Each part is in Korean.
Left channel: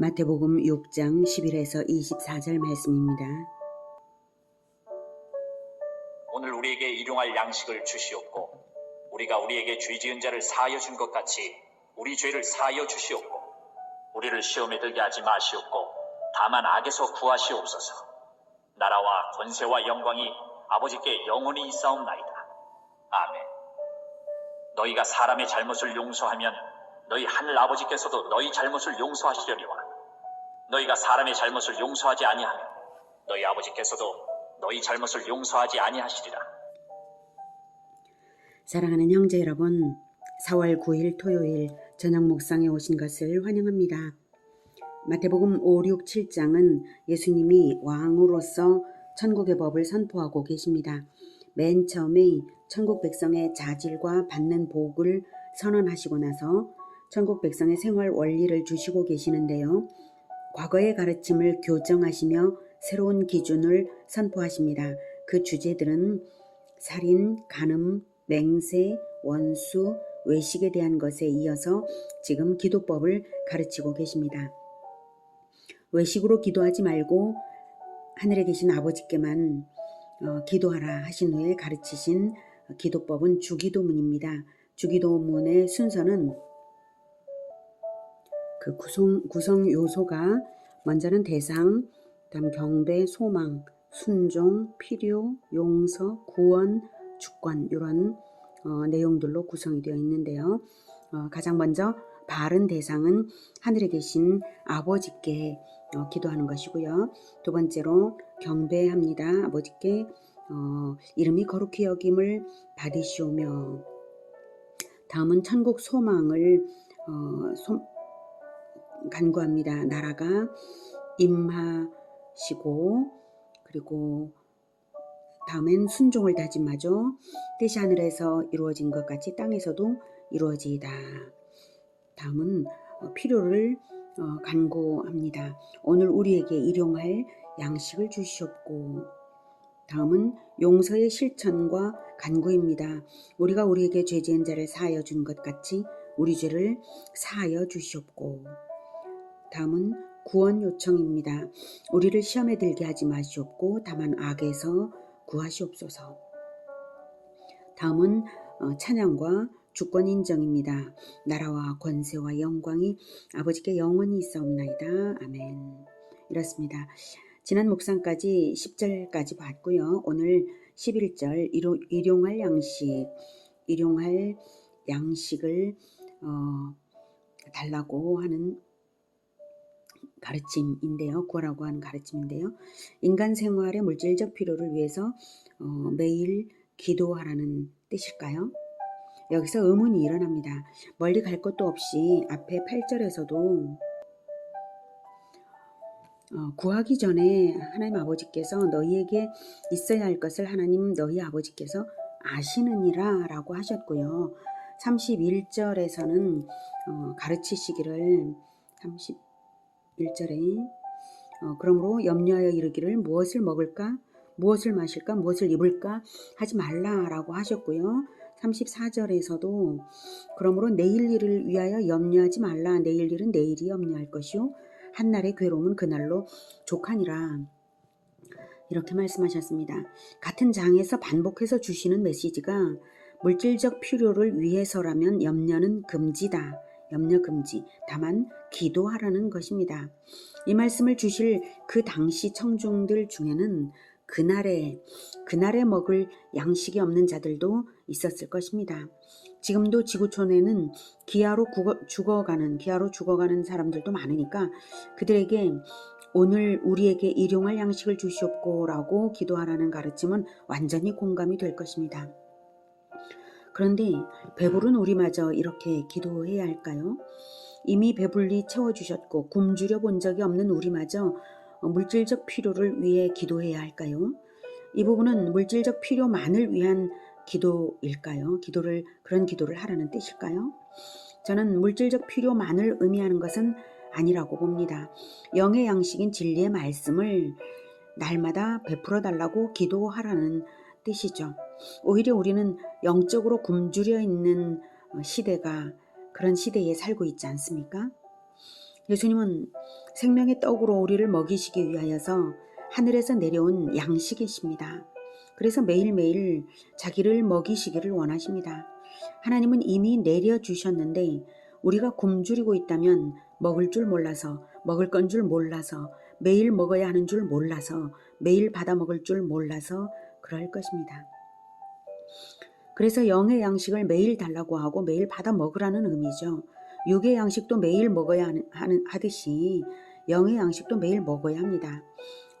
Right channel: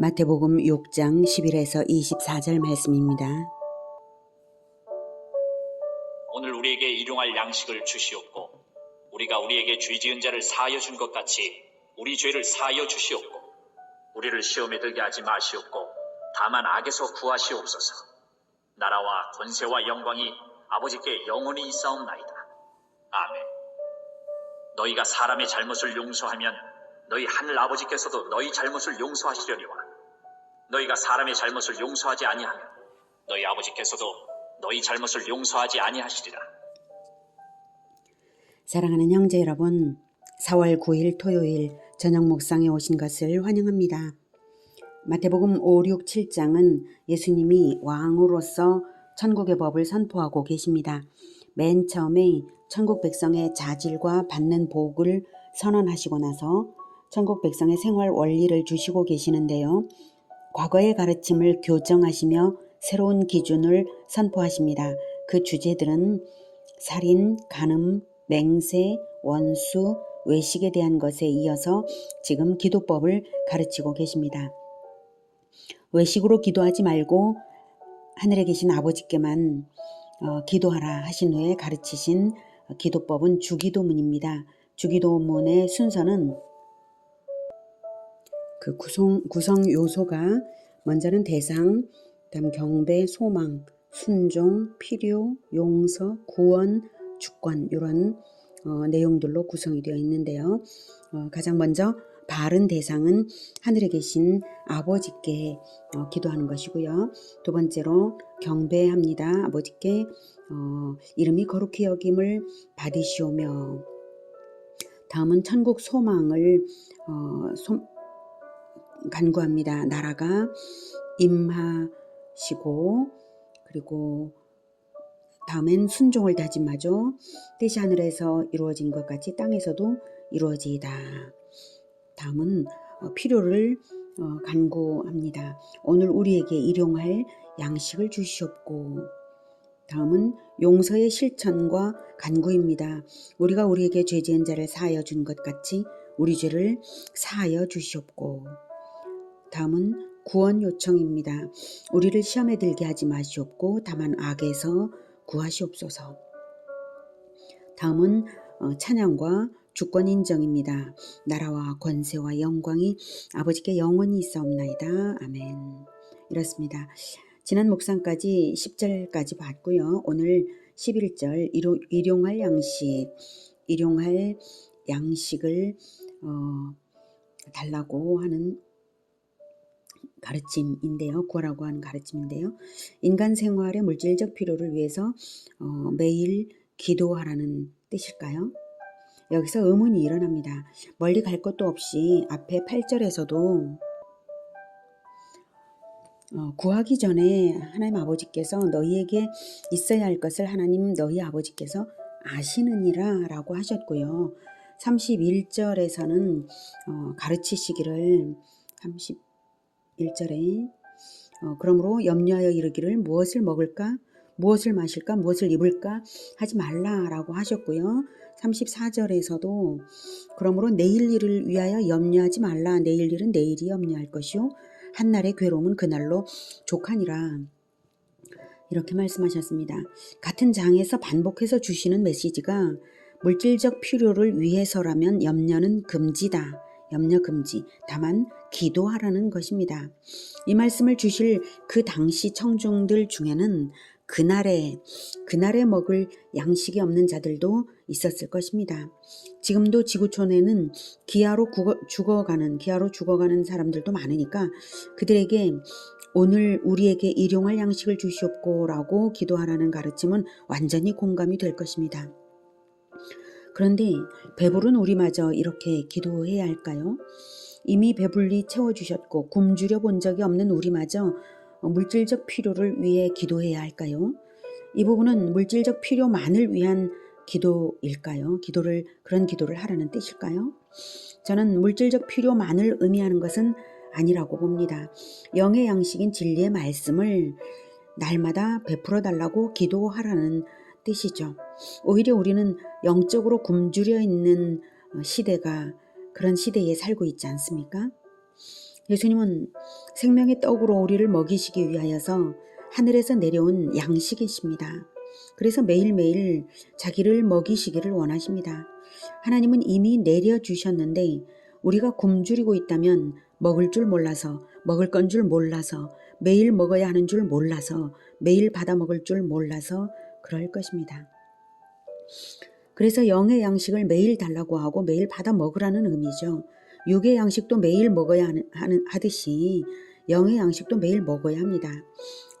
마태복음 6장 11에서 24절 말씀입니다. 오늘 우리에게 일용할 양식을 주시옵고 우리가 우리에게 죄 지은 자를 사하여 준 것 같이 우리 죄를 사하여 주시옵고 우리를 시험에 들게 하지 마시옵고 다만 악에서 구하시옵소서. 나라와 권세와 영광이 아버지께 영원히 있사옵나이다. 아멘. 너희가 사람의 잘못을 용서하면 너희 하늘 아버지께서도 너희 잘못을 용서하시려니와 너희가 사람의 잘못을 용서하지 아니하면 너희 아버지께서도 너희 잘못을 용서하지 아니하시리라. 사랑하는 형제 여러분, 4월 9일 토요일 저녁 묵상에 오신 것을 환영합니다. 마태복음 5, 6, 7장은 예수님이 왕으로서 천국의 법을 선포하고 계십니다. 맨 처음에 천국 백성의 자질과 받는 복을 선언하시고 나서 천국 백성의 생활 원리를 주시고 계시는데요. 과거의 가르침을 교정하시며 새로운 기준을 선포하십니다. 그 주제들은 살인, 간음, 맹세, 원수, 외식에 대한 것에 이어서 지금 기도법을 가르치고 계십니다. 외식으로 기도하지 말고 하늘에 계신 아버지께만 기도하라 하신 후에 가르치신 기도법은 주기도문입니다. 주기도문의 순서는 그 구성 요소가 먼저는 대상, 그다음 경배, 소망, 순종, 필요, 용서, 구원, 주권 이런 내용들로 구성이 되어 있는데요. 가장 먼저 바른 대상은 하늘에 계신 아버지께 기도하는 것이고요. 두 번째로 경배합니다. 아버지께 이름이 거룩히 여김을 받으시오며, 다음은 천국 소망을 간구합니다. 나라가 임하시고, 그리고 다음엔 순종을 다짐하죠. 뜻이 하늘에서 이루어진 것 같이 땅에서도 이루어지이다. 다음은 필요를 간구합니다. 오늘 우리에게 일용할 양식을 주시옵고, 다음은 용서의 실천과 간구입니다. 우리가 우리에게 죄 지은 자를 사하여 준 것 같이 우리 죄를 사하여 주시옵고, 다음은 구원 요청입니다. 우리를 시험에 들게 하지 마시옵고 다만 악에서 구하시옵소서. 다음은 찬양과 주권 인정입니다. 나라와 권세와 영광이 아버지께 영원히 있사옵나이다. 아멘. 이렇습니다. 지난 묵상까지 10절까지 봤고요. 오늘 11절 일용할 양식을 달라고 하는 가르침인데요. 구하라고 하는 가르침인데요. 인간 생활의 물질적 필요를 위해서 매일 기도하라는 뜻일까요? 여기서 의문이 일어납니다. 멀리 갈 것도 없이 앞에 8절에서도 구하기 전에 하나님 아버지께서 너희에게 있어야 할 것을 하나님 너희 아버지께서 아시느니라 라고 하셨고요. 31절에서는 가르치시기를 31절에 그러므로 염려하여 이르기를 무엇을 먹을까, 무엇을 마실까, 무엇을 입을까 하지 말라라고 하셨고요. 34절에서도 그러므로 내일 일을 위하여 염려하지 말라. 내일 일은 내일이 염려할 것이요 한날의 괴로움은 그날로 족하니라. 이렇게 말씀하셨습니다. 같은 장에서 반복해서 주시는 메시지가 물질적 필요를 위해서라면 염려는 금지다. 염려 금지. 다만 기도하라는 것입니다. 이 말씀을 주실 그 당시 청중들 중에는 그날에 먹을 양식이 없는 자들도 있었을 것입니다. 지금도 지구촌에는 기아로 죽어가는 사람들도 많으니까 그들에게 오늘 우리에게 일용할 양식을 주시옵고 라고 기도하라는 가르침은 완전히 공감이 될 것입니다. 그런데 배부른 우리마저 이렇게 기도해야 할까요? 이미 배불리 채워주셨고 굶주려 본 적이 없는 우리마저 물질적 필요를 위해 기도해야 할까요? 이 부분은 물질적 필요만을 위한 기도일까요? 그런 기도를 하라는 뜻일까요? 저는 물질적 필요만을 의미하는 것은 아니라고 봅니다. 영의 양식인 진리의 말씀을 날마다 베풀어 달라고 기도하라는 뜻이죠. 오히려 우리는 영적으로 굶주려 있는 그런 시대에 살고 있지 않습니까? 예수님은 생명의 떡으로 우리를 먹이시기 위하여서 하늘에서 내려온 양식이십니다. 그래서 매일매일 자기를 먹이시기를 원하십니다. 하나님은 이미 내려주셨는데 우리가 굶주리고 있다면 먹을 줄 몰라서, 먹을 건 줄 몰라서, 매일 먹어야 하는 줄 몰라서, 매일 받아 먹을 줄 몰라서 그럴 것입니다. 그래서 영의 양식을 매일 달라고 하고 매일 받아 먹으라는 의미죠. 육의 양식도 매일 먹어야 하듯이 영의 양식도 매일 먹어야 합니다.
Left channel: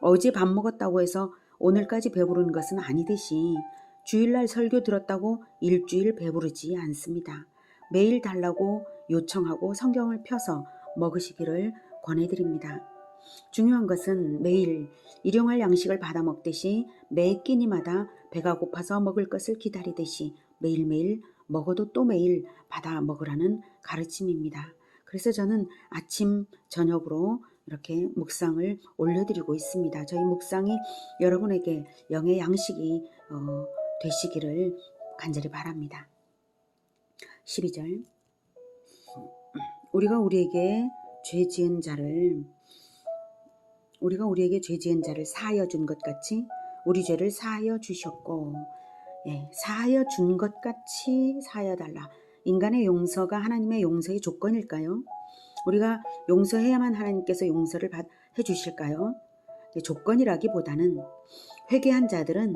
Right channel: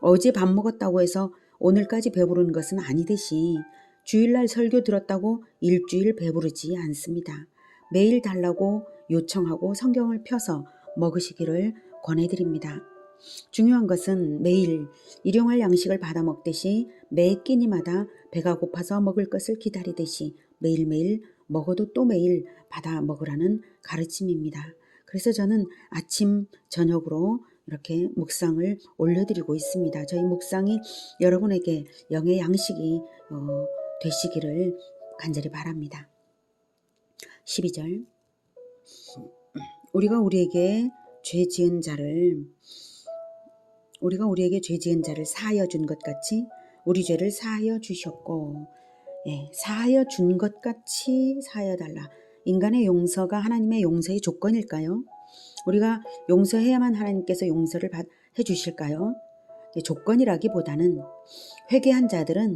어제 밥 먹었다고 해서 오늘까지 배부른 것은 아니듯이 주일날 설교 들었다고 일주일 배부르지 않습니다. 매일 달라고 요청하고 성경을 펴서 먹으시기를 권해드립니다. 중요한 것은 매일 일용할 양식을 받아 먹듯이 매 끼니마다 배가 고파서 먹을 것을 기다리듯이 매일매일 먹어도 또 매일 받아 먹으라는 가르침입니다. 그래서 저는 아침, 저녁으로 이렇게 묵상을 올려드리고 있습니다. 저희 묵상이 여러분에게 영의 양식이 되시기를 간절히 바랍니다. 12절 우리가 우리에게 죄 지은 자를 사하여 준 것 같이 우리 죄를 사하여 주셨고, 사하여 준 것 같이 사하여 달라. 인간의 용서가 하나님의 용서의 조건일까요? 우리가 용서해야만 하나님께서 용서를 해주실까요? 조건이라기보다는 회개한 자들은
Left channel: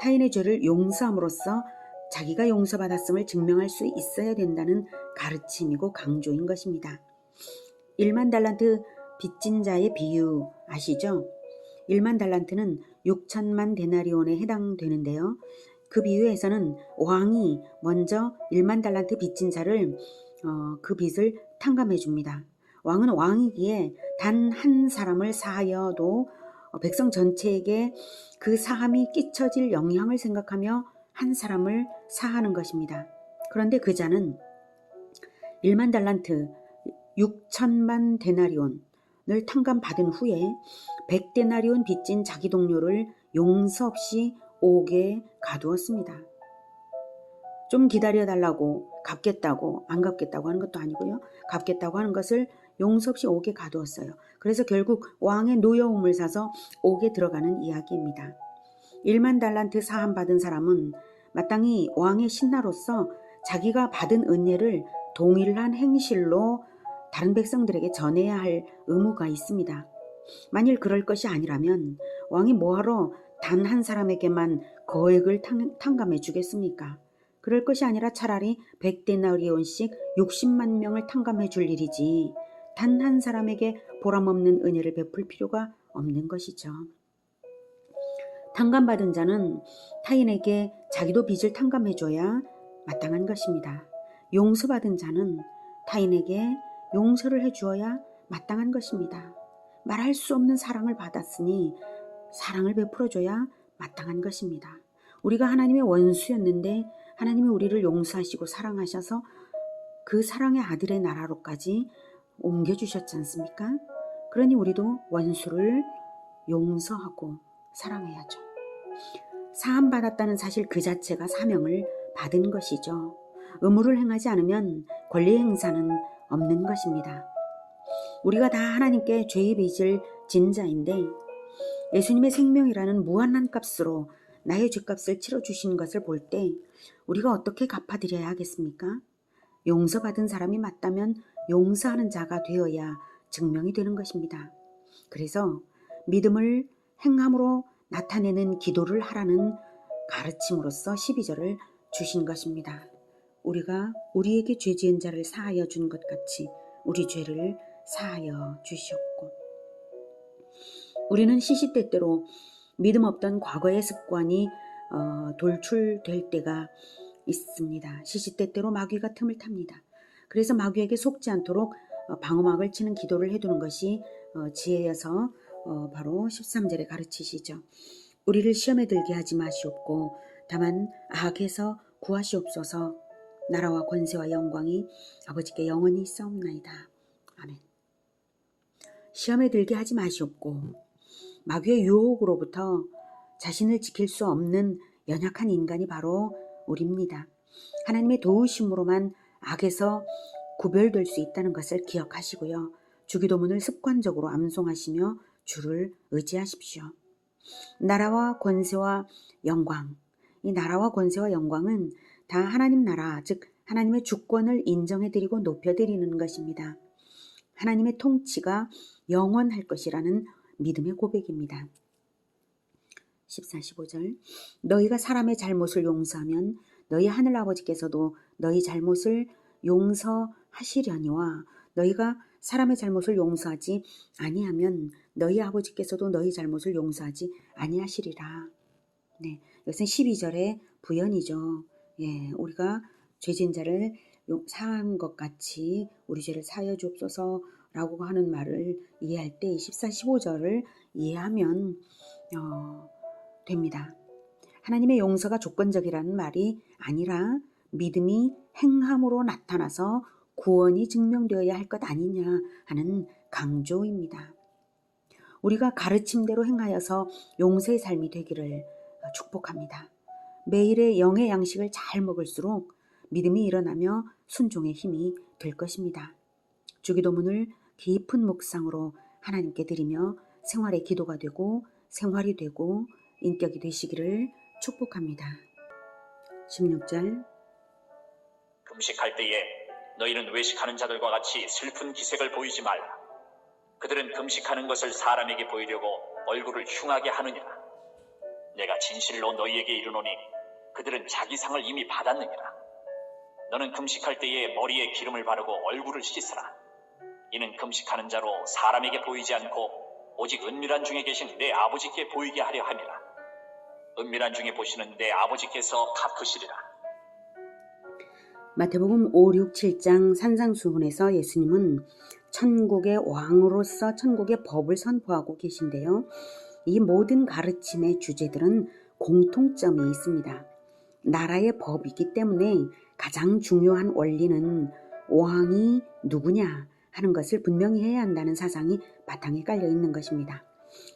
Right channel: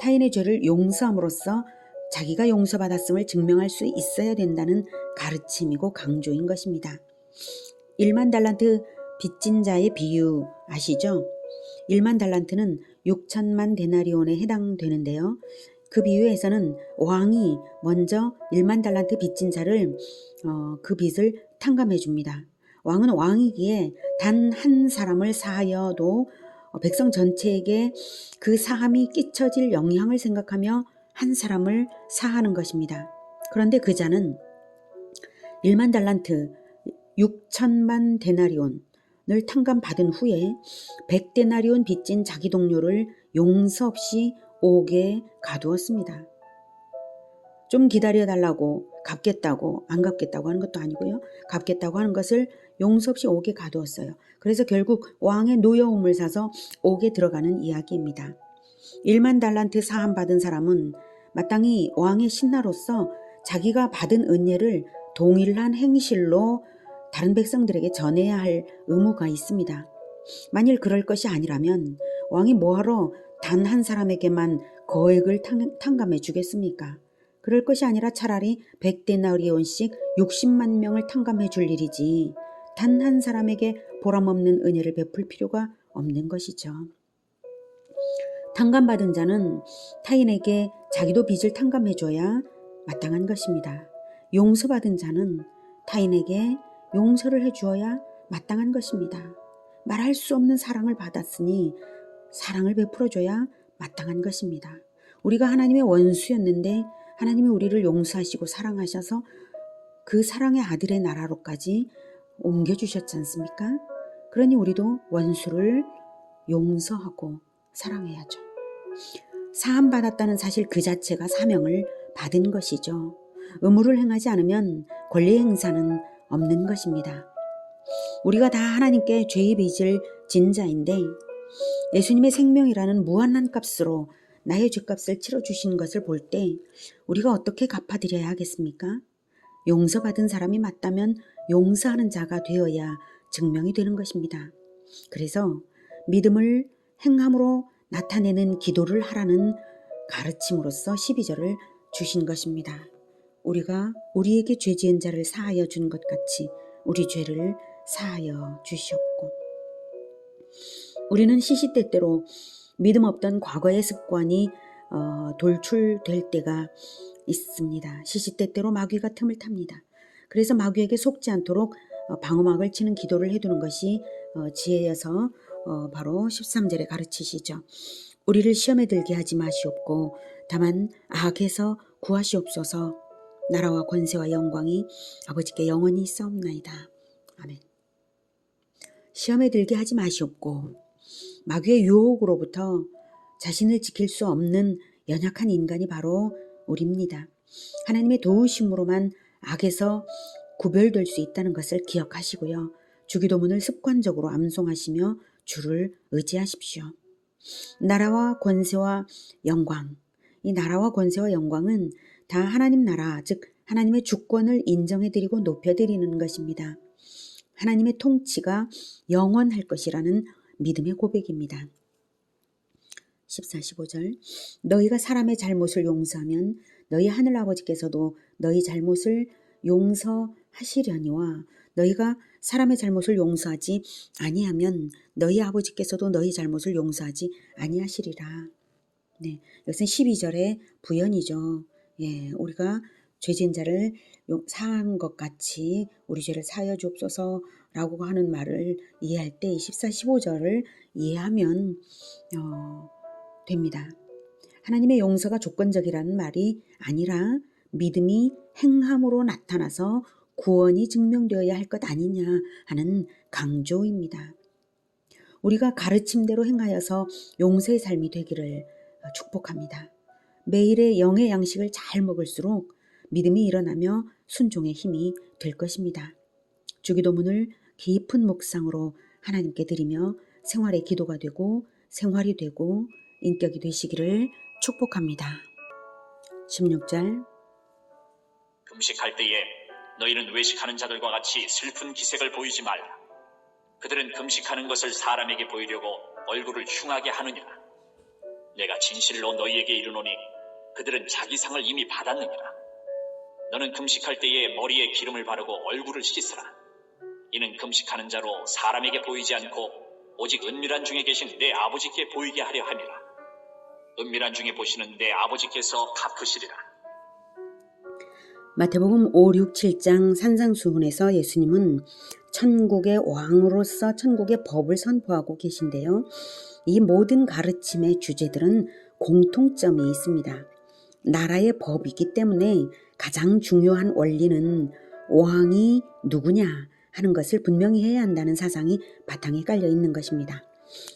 타인의 죄를 용서함으로써 자기가 용서받았음을 증명할 수 있어야 된다는 가르침이고 강조인 것입니다. 1만 달란트 빚진 자의 비유 아시죠? 1만 달란트는 6천만 데나리온에 해당되는데요. 그 비유에서는 왕이 먼저 1만 달란트 빚진 자를 그 빚을 탕감해 줍니다. 왕은 왕이기에 단 한 사람을 사하여도 백성 전체에게 그 사함이 끼쳐질 영향을 생각하며 한 사람을 사하는 것입니다. 그런데 그 자는 1만 달란트 6천만 데나리온을 탕감받은 후에 100데나리온 빚진 자기 동료를 용서 없이 옥에 가두었습니다. 좀 기다려달라고 갚겠다고 안 갚겠다고 하는 것도 아니고요. 갚겠다고 하는 것을 용서 없이 옥에 가두었어요. 그래서 결국 왕의 노여움을 사서 옥에 들어가는 이야기입니다. 1만 달란트 사함받은 사람은 마땅히 왕의 신하로서 자기가 받은 은혜를 동일한 행실로 다른 백성들에게 전해야 할 의무가 있습니다. 만일 그럴 것이 아니라면 왕이 뭐하러 단 한 사람에게만 거액을 탕감해 주겠습니까? 그럴 것이 아니라 차라리 100데나리온씩 60만 명을 탕감해 줄 일이지 단 한 사람에게 보람없는 은혜를 베풀 필요가 없는 것이죠. 탕감받은 자는 타인에게 자기도 빚을 탕감해줘야 마땅한 것입니다. 용서받은 자는 타인에게 용서를 해주어야 마땅한 것입니다. 말할 수 없는 사랑을 받았으니 사랑을 베풀어줘야 마땅한 것입니다. 우리가 하나님의 원수였는데 하나님이 우리를 용서하시고 사랑하셔서 그 사랑의 아들의 나라로까지 옮겨주셨지 않습니까? 그러니 우리도 원수를 용서하고 사랑해야죠. 사함받았다는 사실 그 자체가 사명을 받은 것이죠. 의무를 행하지 않으면 권리 행사는 없는 것입니다. 우리가 다 하나님께 죄의 빚을 진 자인데 예수님의 생명이라는 무한한 값으로 나의 죄값을 치러주신 것을 볼 때 우리가 어떻게 갚아드려야 하겠습니까? 용서받은 사람이 맞다면 용서하는 자가 되어야 증명이 되는 것입니다. 그래서 믿음을 행함으로 나타내는 기도를 하라는 가르침으로써 12절을 주신 것입니다. 우리가 우리에게 죄 지은 자를 사하여 준 것 같이 우리 죄를 사하여 주시옵고. 우리는 시시때때로 믿음 없던 과거의 습관이 돌출될 때가 있습니다. 시시때때로 마귀가 틈을 탑니다. 그래서 마귀에게 속지 않도록 방어막을 치는 기도를 해두는 것이 지혜여서 바로 13절에 가르치시죠. 우리를 시험에 들게 하지 마시옵고 다만 악에서 구하시옵소서. 나라와 권세와 영광이 아버지께 영원히 있사옵나이다. 아멘. 시험에 들게 하지 마시옵고 마귀의 유혹으로부터 자신을 지킬 수 없는 연약한 인간이 바로 우리입니다. 하나님의 도우심으로만 악에서 구별될 수 있다는 것을 기억하시고요. 주기도문을 습관적으로 암송하시며 주를 의지하십시오. 나라와 권세와 영광. 이 나라와 권세와 영광은 다 하나님 나라, 즉 하나님의 주권을 인정해드리고 높여드리는 것입니다. 하나님의 통치가 영원할 것이라는 믿음의 고백입니다. 14, 15절 너희가 사람의 잘못을 용서하면 너희 하늘아버지께서도 너희 잘못을 용서하시려니와 너희가 사람의 잘못을 용서하지 아니하면 너희 아버지께서도 너희 잘못을 용서하지 아니하시리라. 네, 이것은 12절의 부연이죠. 예, 우리가 죄진 자를 사한 것 같이 우리 죄를 사하여 주옵소서라고 하는 말을 이해할 때 14, 15절을 이해하면 됩니다. 하나님의 용서가 조건적이라는 말이 아니라 믿음이 행함으로 나타나서 구원이 증명되어야 할 것 아니냐 하는 강조입니다. 우리가 가르침대로 행하여서 용서의 삶이 되기를 축복합니다. 매일의 영의 양식을 잘 먹을수록 믿음이 일어나며 순종의 힘이 될 것입니다. 주기도문을 깊은 묵상으로 하나님께 드리며 생활의 기도가 되고 생활이 되고 인격이 되시기를 축복합니다. 16절 금식할 때에 너희는 외식하는 자들과 같이 슬픈 기색을 보이지 말라. 그들은 금식하는 것을 사람에게 보이려고 얼굴을 흉하게 하느니라. 내가 진실로 너희에게 이르노니 그들은 자기 상을 이미 받았느니라. 너는 금식할 때에 머리에 기름을 바르고 얼굴을 씻으라. 이는 금식하는 자로 사람에게 보이지 않고 오직 은밀한 중에 계신 내 아버지께 보이게 하려 함이라. 은밀한 중에 보시는 내 아버지께서 갚으시리라. 마태복음 5, 6, 7장 산상수훈에서 예수님은 천국의 왕으로서 천국의 법을 선포하고 계신데요. 이 모든 가르침의 주제들은 공통점이 있습니다. 나라의 법이기 때문에 가장 중요한 원리는 왕이 누구냐 하는 것을 분명히 해야 한다는 사상이 바탕에 깔려 있는 것입니다.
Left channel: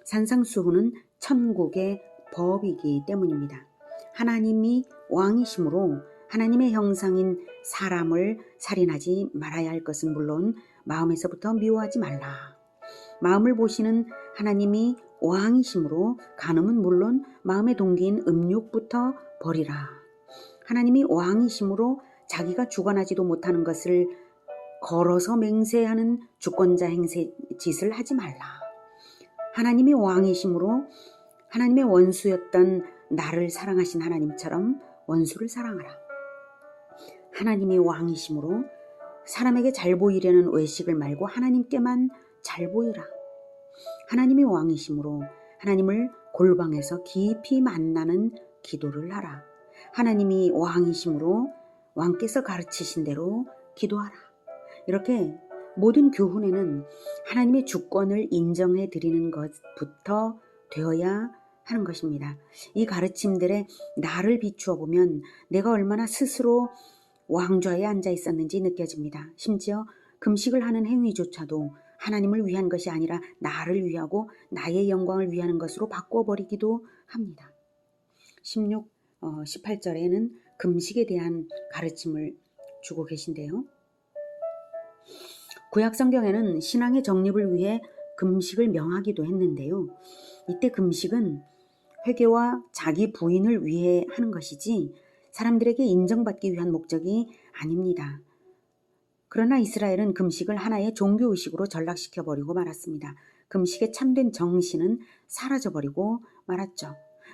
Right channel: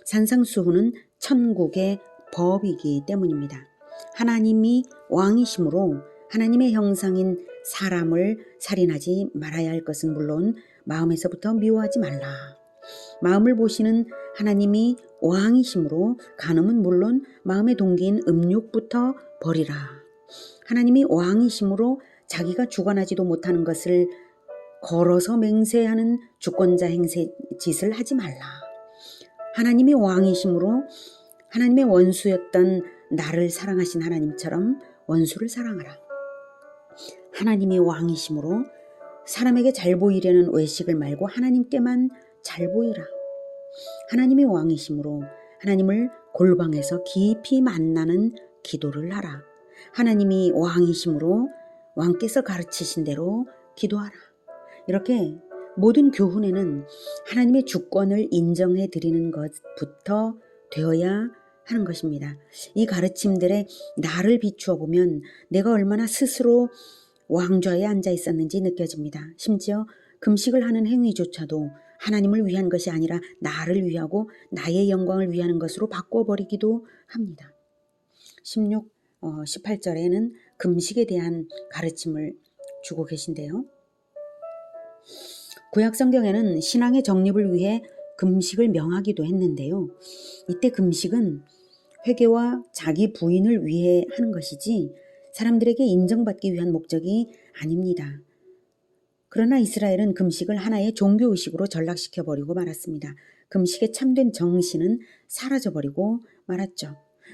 산상수훈은 천국의 법이기 때문입니다. 하나님이 왕이시므로 하나님의 형상인 사람을 살인하지 말아야 할 것은 물론 마음에서부터 미워하지 말라. 마음을 보시는 하나님이 왕이시므로 간음은 물론 마음의 동기인 음욕부터 버리라. 하나님이 왕이시므로 자기가 주관하지도 못하는 것을 걸어서 맹세하는 주권자 행세 짓을 하지 말라. 하나님이 왕이시므로 하나님의 원수였던 나를 사랑하신 하나님처럼 원수를 사랑하라. 하나님이 왕이시므로 사람에게 잘 보이려는 외식을 말고 하나님께만 잘 보이라. 하나님이 왕이시므로 하나님을 골방에서 깊이 만나는 기도를 하라. 하나님이 왕이시므로 왕께서 가르치신 대로 기도하라. 이렇게 모든 교훈에는 하나님의 주권을 인정해 드리는 것부터 되어야 하는 것입니다. 이 가르침들에 나를 비추어 보면 내가 얼마나 스스로 왕좌에 앉아 있었는지 느껴집니다. 심지어 금식을 하는 행위조차도 하나님을 위한 것이 아니라 나를 위하고 나의 영광을 위하는 것으로 바꿔버리기도 합니다. 18절에는 금식에 대한 가르침을 주고 계신데요. 구약성경에는 신앙의 정립을 위해 금식을 명하기도 했는데요. 이때 금식은 회개와 자기 부인을 위해 하는 것이지 사람들에게 인정받기 위한 목적이 아닙니다. 그러나 이스라엘은 금식을 하나의 종교의식으로 전락시켜버리고 말았습니다. 금식의 참된 정신은 사라져버리고 말았죠.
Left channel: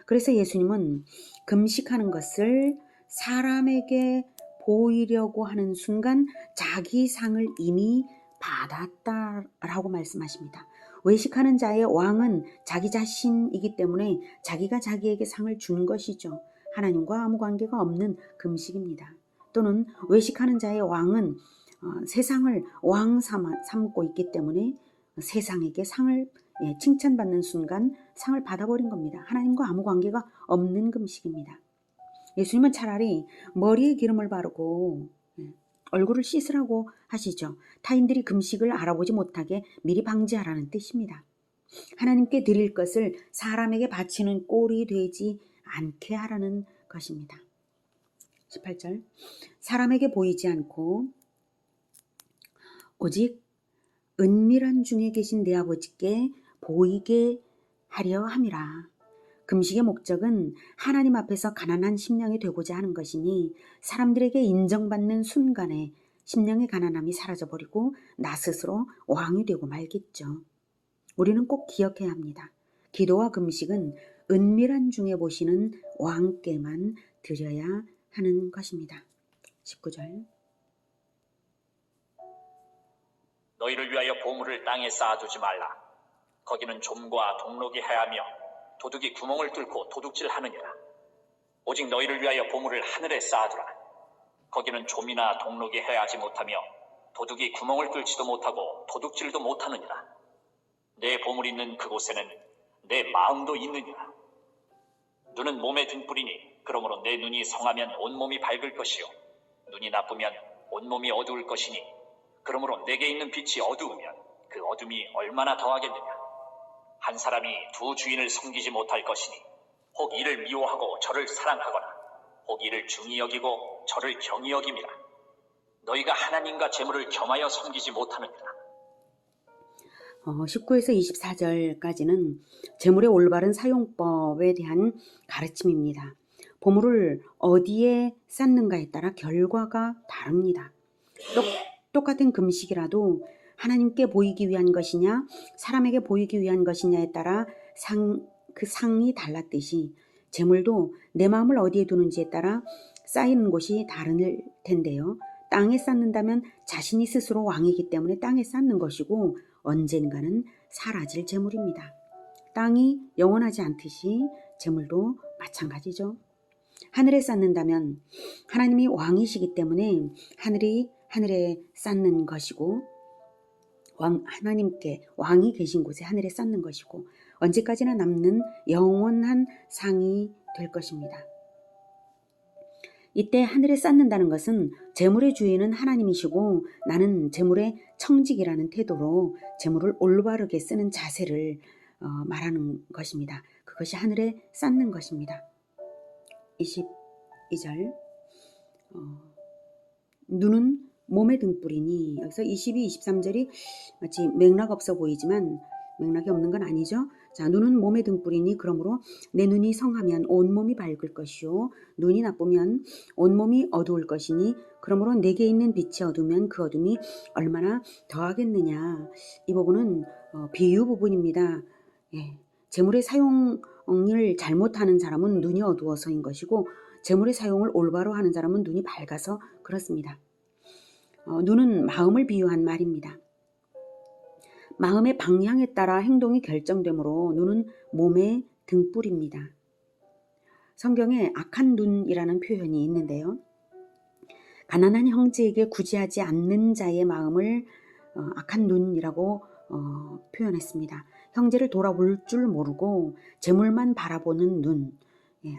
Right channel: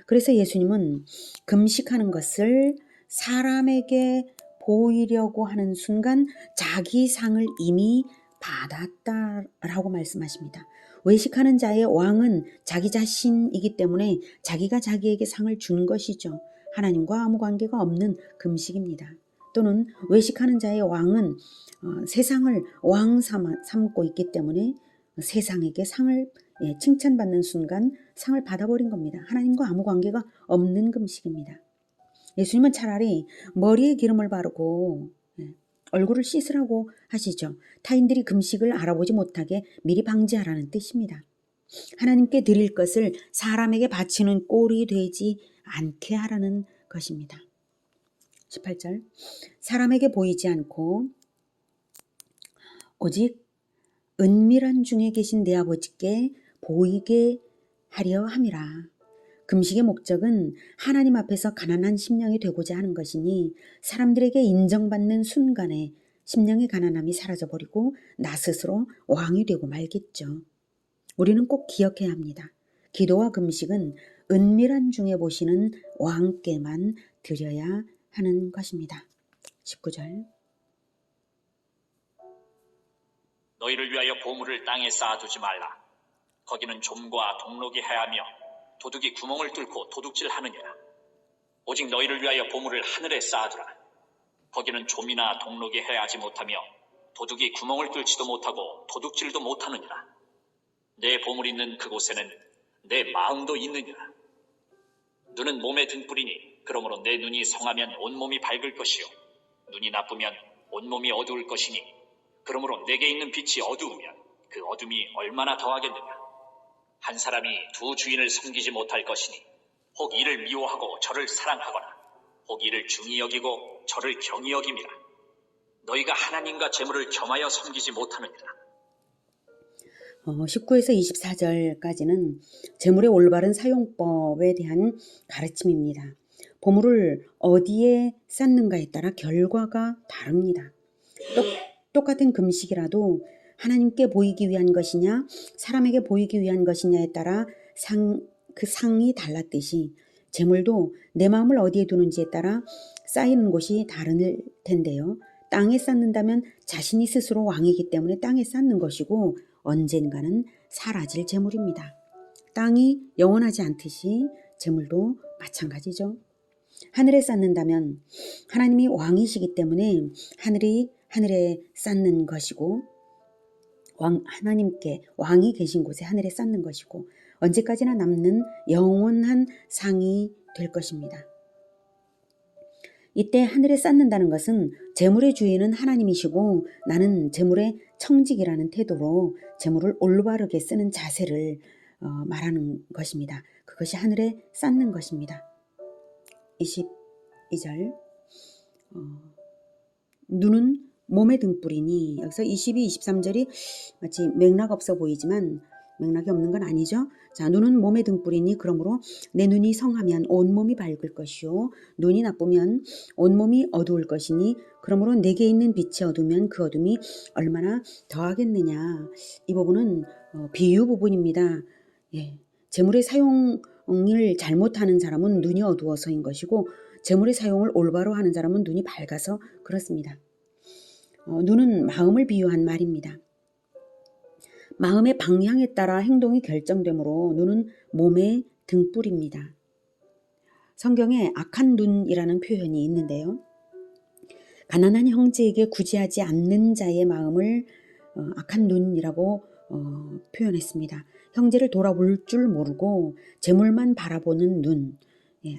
그래서 예수님은 금식하는 것을 사람에게 보이려고 하는 순간 자기 상을 이미 받았다라고 말씀하십니다. 외식하는 자의 왕은 자기 자신이기 때문에 자기가 자기에게 상을 준 것이죠. 하나님과 아무 관계가 없는 금식입니다. 또는 외식하는 자의 왕은 세상을 왕 삼고 있기 때문에 세상에게 상을 칭찬받는 순간 상을 받아버린 겁니다. 하나님과 아무 관계가 없는 금식입니다. 예수님은 차라리 머리에 기름을 바르고 얼굴을 씻으라고 하시죠. 타인들이 금식을 알아보지 못하게 미리 방지하라는 뜻입니다. 하나님께 드릴 것을 사람에게 바치는 꼴이 되지 않게 하라는 것입니다. 18절 사람에게 보이지 않고 오직 은밀한 중에 계신 내 아버지께 보이게 하려 함이라. 금식의 목적은 하나님 앞에서 가난한 심령이 되고자 하는 것이니 사람들에게 인정받는 순간에 심령의 가난함이 사라져버리고 나 스스로 왕이 되고 말겠죠. 우리는 꼭 기억해야 합니다. 기도와 금식은 은밀한 중에 보시는 왕께만 드려야 하는 것입니다. 19절. 너희를 위하여 보물을 땅에 쌓아두지 말라. 거기는 좀과 동록이 해하며 도둑이 구멍을 뚫고 도둑질하느니라. 오직 너희를 위하여 보물을 하늘에 쌓아두라. 거기는 좀이나 동록이 해하지 못하며 도둑이 구멍을 뚫지도 못하고 도둑질도 못하느니라. 내 보물 있는 그곳에는 내 마음도 있느니라. 눈은 몸의 등불이니 그러므로 내 눈이 성하면 온몸이 밝을 것이요 눈이 나쁘면 온몸이 어두울 것이니 그러므로 내게 있는 빛이 어두우면 그 어둠이 얼마나 더하겠느냐. 한 사람이 두 주인을 섬기지 못할 것이니 혹 이를 미워하고 저를 사랑하거나 혹 이를 중히 여기고 저를 경히 여김이라. 너희가 하나님과 재물을 겸하여 섬기지 못하느니라. 19에서 24절까지는 재물의 올바른 사용법에 대한 가르침입니다. 보물을 어디에 쌓는가에 따라 결과가 다릅니다. 똑같은 금식이라도 하나님께 보이기 위한 것이냐 사람에게 보이기 위한 것이냐에 따라 그 상이 달랐듯이 재물도 내 마음을 어디에 두는지에 따라 쌓이는 곳이 다를 텐데요. 땅에 쌓는다면 자신이 스스로 왕이기 때문에 땅에 쌓는 것이고 언젠가는 사라질 재물입니다. 땅이 영원하지 않듯이 재물도 마찬가지죠. 하늘에 쌓는다면 하나님이 왕이시기 때문에 하늘에 쌓는 것이고 하나님께 왕이 계신 곳에 하늘에 쌓는 것이고 언제까지나 남는 영원한 상이 될 것입니다. 이때 하늘에 쌓는다는 것은 재물의 주인은 하나님이시고 나는 재물의 청직이라는 태도로 재물을 올바르게 쓰는 자세를 말하는 것입니다. 그것이 하늘에 쌓는 것입니다. 22절 눈은 몸의 등불이니 여기서 22, 23절이 마치 맥락 없어 보이지만 맥락이 없는 건 아니죠. 자, 눈은 몸의 등불이니 그러므로 내 눈이 성하면 온몸이 밝을 것이요 눈이 나쁘면 온몸이 어두울 것이니 그러므로 내게 있는 빛이 어두우면 그 어둠이 얼마나 더하겠느냐. 이 부분은 비유 부분입니다. 예, 재물의 사용을 잘못하는 사람은 눈이 어두워서인 것이고 재물의 사용을 올바로 하는 사람은 눈이 밝아서 그렇습니다. 눈은 마음을 비유한 말입니다. 마음의 방향에 따라 행동이 결정되므로 눈은 몸의 등불입니다. 성경에 악한 눈이라는 표현이 있는데요. 가난한 형제에게 구제하지 않는 자의 마음을 악한 눈이라고 표현했습니다. 형제를 돌아볼 줄 모르고 재물만 바라보는 눈,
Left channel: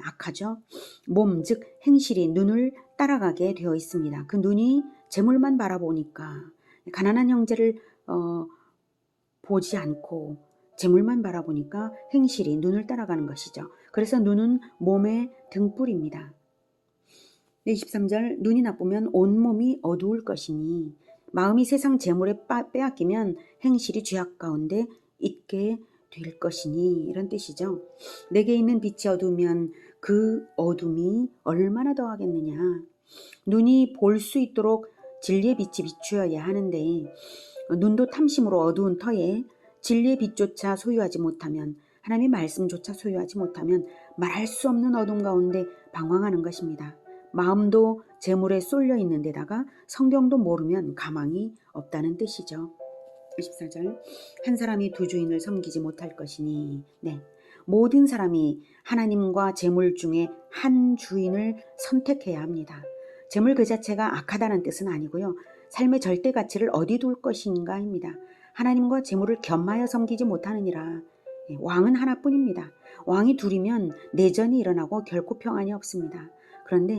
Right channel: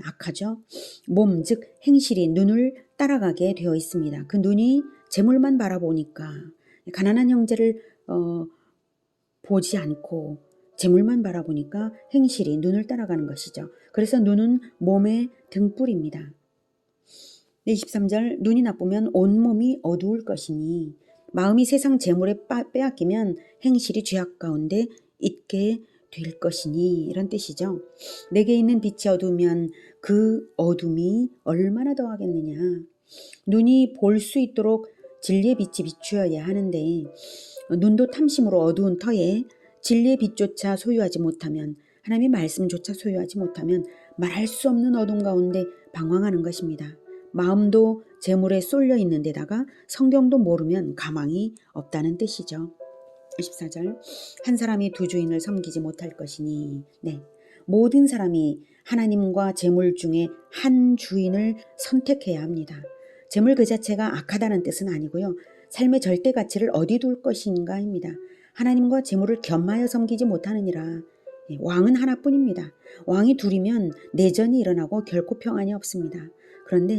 악하죠. 몸, 즉 행실이 눈을 따라가게 되어 있습니다. 그 눈이 재물만 바라보니까 가난한 형제를 보지 않고 재물만 바라보니까 행실이 눈을 따라가는 것이죠. 그래서 눈은 몸의 등불입니다. 23절 눈이 나쁘면 온몸이 어두울 것이니 마음이 세상 재물에 빼앗기면 행실이 죄악 가운데 있게 될 것이니 이런 뜻이죠. 내게 있는 빛이 어두우면 그 어둠이 얼마나 더하겠느냐. 눈이 볼 수 있도록 진리의 빛이 비추어야 하는데 눈도 탐심으로 어두운 터에 진리의 빛조차 소유하지 못하면 하나님의 말씀조차 소유하지 못하면 말할 수 없는 어둠 가운데 방황하는 것입니다. 마음도 재물에 쏠려 있는 데다가 성경도 모르면 가망이 없다는 뜻이죠. 24절 한 사람이 두 주인을 섬기지 못할 것이니 모든 사람이 하나님과 재물 중에 한 주인을 선택해야 합니다. 재물 그 자체가 악하다는 뜻은 아니고요. 삶의 절대 가치를 어디 둘 것인가입니다. 하나님과 재물을 겸하여 섬기지 못하느니라. 왕은 하나뿐입니다. 왕이 둘이면 내전이 일어나고 결코 평안이 없습니다. 그런데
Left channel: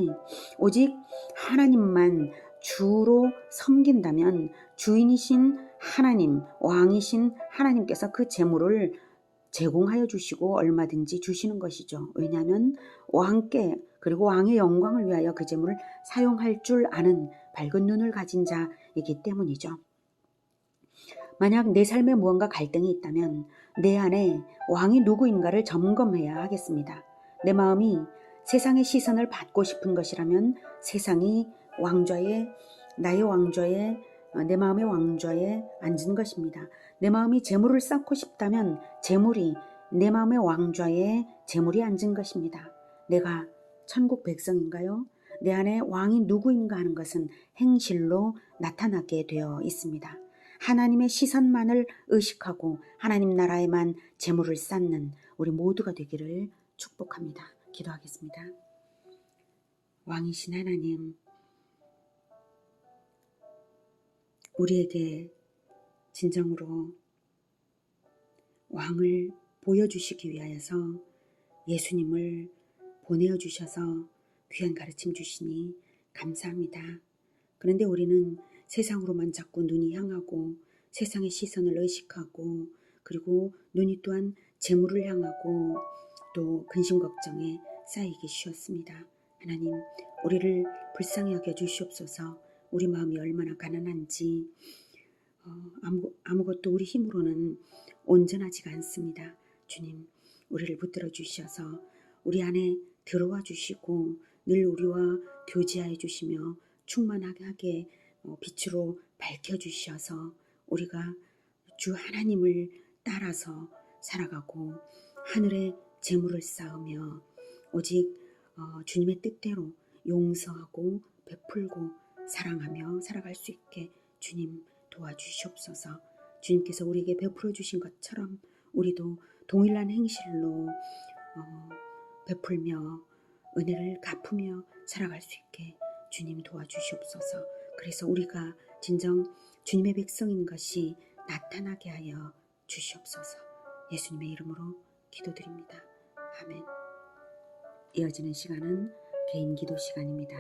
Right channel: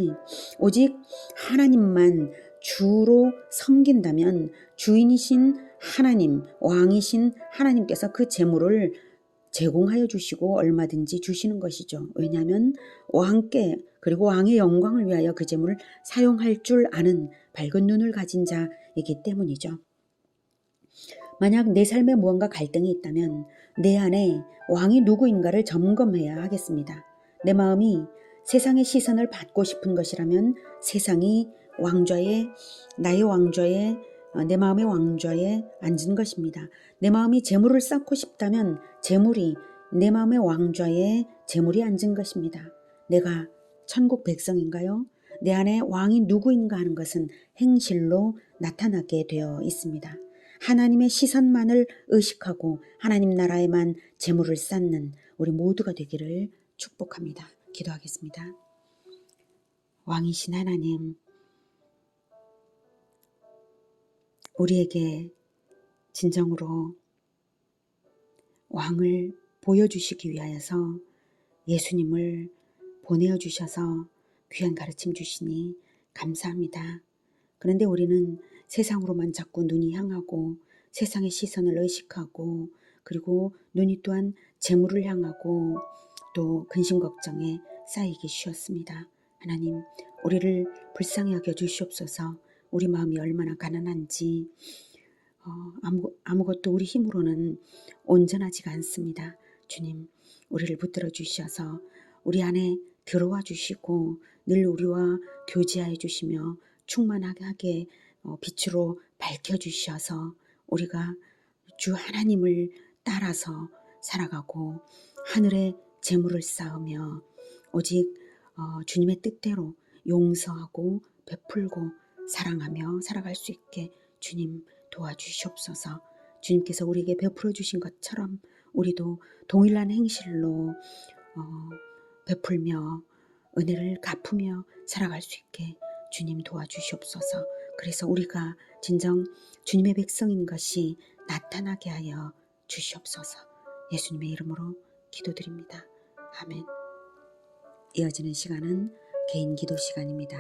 오직 하나님만 주로 섬긴다면 주인이신 하나님, 왕이신 하나님께서 그 재물을 제공하여 주시고 얼마든지 주시는 것이죠. 왜냐하면 왕께 그리고 왕의 영광을 위하여 그 재물을 사용할 줄 아는 밝은 눈을 가진 자이기 때문이죠. 만약 내 삶에 무언가 갈등이 있다면 내 안에 왕이 누구인가를 점검해야 하겠습니다. 내 마음이 세상의 시선을 받고 싶은 것이라면 세상이 나의 왕좌에, 내 마음의 왕좌에 앉은 것입니다. 내 마음이 재물을 쌓고 싶다면 재물이 내 마음의 왕좌에 재물이 앉은 것입니다. 내가 천국 백성인가요? 내 안에 왕이 누구인가 하는 것은 행실로 나타나게 되어 있습니다. 하나님의 시선만을 의식하고 하나님 나라에만 재물을 쌓는 우리 모두가 되기를 축복합니다. 기도하겠습니다. 왕이신 하나님, 우리에게 진정으로 왕을 보여주시기 위하여서 예수님을 보내어 주셔서 귀한 가르침 주시니 감사합니다. 그런데 우리는 세상으로만 자꾸 눈이 향하고 세상의 시선을 의식하고 그리고 눈이 또한 재물을 향하고 또 근심 걱정에 쌓이기 쉬웠습니다. 하나님, 우리를 불쌍히 여겨 주시옵소서. 우리 마음이 얼마나 가난한지 아무것도 우리 힘으로는 온전하지가 않습니다. 주님, 우리를 붙들어 주셔서 우리 안에 들어와 주시고 늘 우리와 교제하여 주시며 충만하게 빛으로 밝혀 주셔서 우리가 주 하나님을 따라서 살아가고 하늘에 재물을 쌓으며 오직 주님의 뜻대로 용서하고 베풀고 사랑하며 살아갈 수 있게 주님 도와주시옵소서. 주님께서 우리에게 베풀어 주신 것처럼 우리도 동일한 행실로 베풀며 은혜를 갚으며 살아갈 수 있게 주님 도와주시옵소서. 그래서 우리가 진정 주님의 백성인 것이 나타나게 하여 주시옵소서. 예수님의 이름으로 기도드립니다. 아멘. 이어지는 시간은 개인 기도 시간입니다.